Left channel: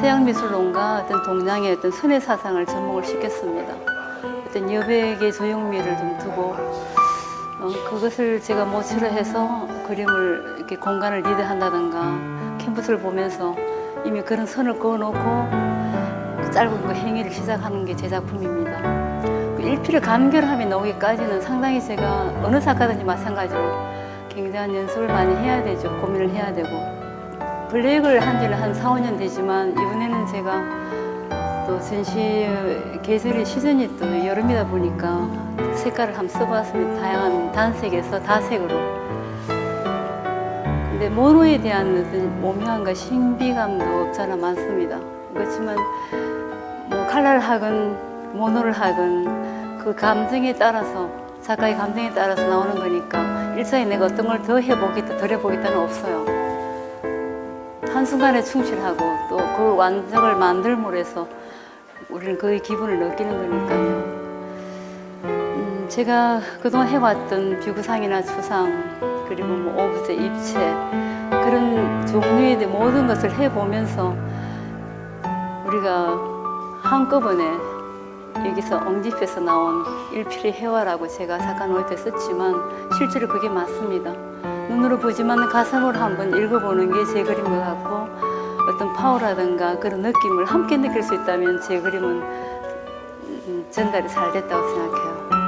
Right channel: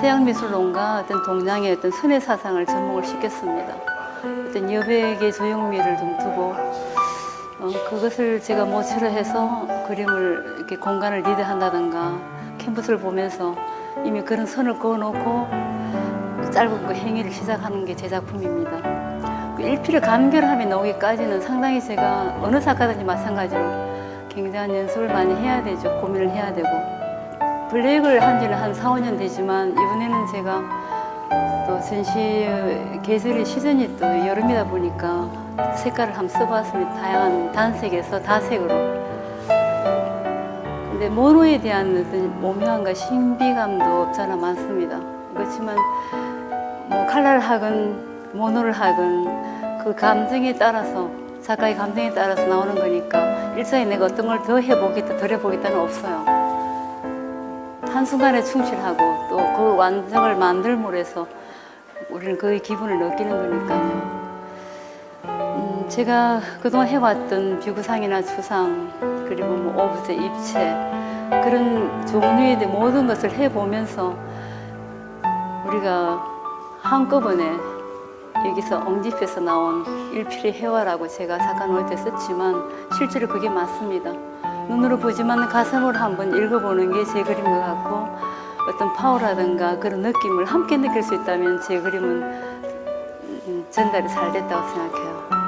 서양 미술론과 어떤 동양의 어떤 선의 사상을 접목을 시켰습니다. 어떤 여백의 조형미를 좀 두고 어, 그것을 제가 모치로 해서 그림을 이렇게 공간을 리드한다든가 캔버스를 보면서 이미 그런 선을 그어놓고 그 짧은 그 행위를 시작하는 게 제 작품입니다. 그 일피를 간결함이 나오기까지는 상당히 제가 어느 작가든지 마찬가지로 굉장한 연습을 많이 해야 되죠. 고민을 해야 되고. 블랙을 한 지는 한 4, 5년 되지만 이번에는 제가 또 전시 계절의 시즌이 또 여름이다 보니까 색깔을 한번 써봤습니다. 다양한 단색에서 다색으로. 근데 모노에 대한 어떤 모묘함과 신비감도 없잖아 많습니다. 그렇지만 뭐 칼라를 하건 모노를 하건 그 감정에 따라서 작가의 감정에 따라서 나오는 거니까 일상에 내가 어떤 걸 더 해보겠다 덜 해보겠다는 없어요. 한순간에 충실하고 또 그 완성을 만들므로 해서 우리는 그의 기분을 느끼는 거니까요. 음, 제가 그동안 해왔던 비구상이나 추상 그리고 뭐 오브제, 입체 그런 종류의 모든 것을 해보면서 우리가 한꺼번에 여기서 엉집해서 나온 일필의 해화라고 제가 작가 노트 때 썼지만 실제로 그게 맞습니다. 눈으로 보지만 가슴으로 한번 읽어보는 게 제 그림 것 같고 어떤 파워라든가 그런 느낌을 함께 느낄 수 있다면 제 그림은 음, 전달이 잘 됐다고 생각해요.